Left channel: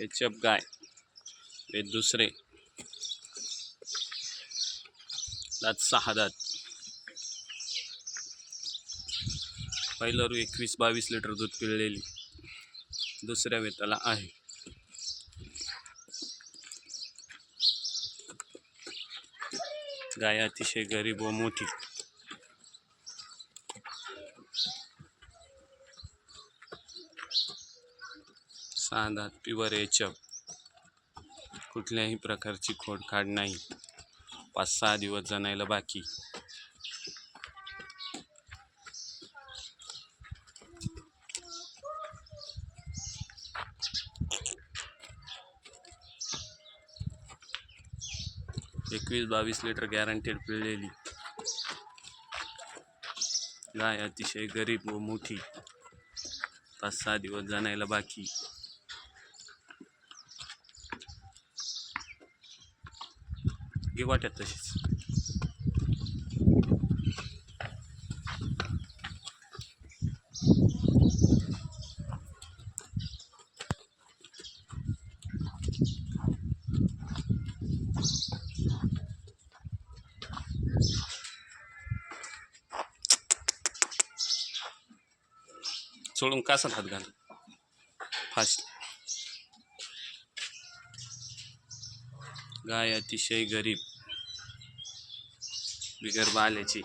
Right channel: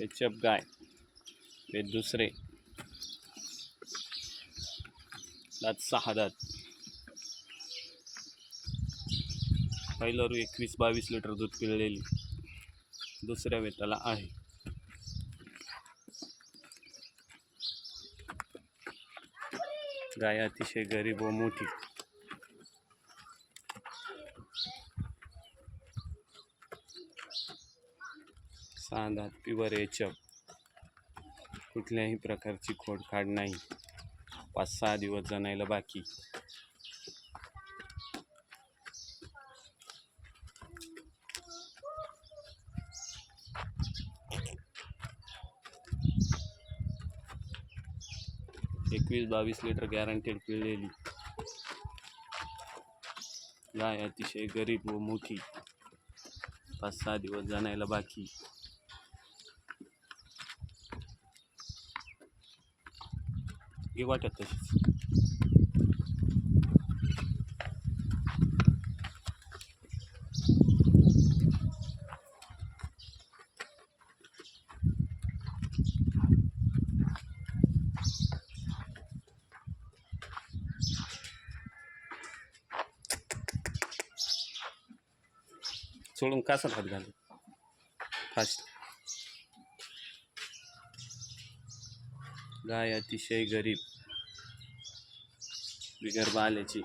HF गाय हे दुसरे दात सहा दात पहिलं रू एकवीस बावीस लिटर दूध पिळलेली. दुसऱ्या वेताला आहे. गाय अतिशय गरीब व मोठी. साधा प्युअर एचअप कुठल्याही प्रकारची खोडखाड नाही. पाच सहा दिवस जणायला बाकी. एकवीस बावीस लिटर गॅरंटेड पिळलेली गाय अतिशय गरीब व मोठी. पाच सहा दिवस जाणायला बाकी. घे वाट्यात तशीच. सोडून कासात हात घाल फास्ट गाय अतिशय गरीब. bigar bale ce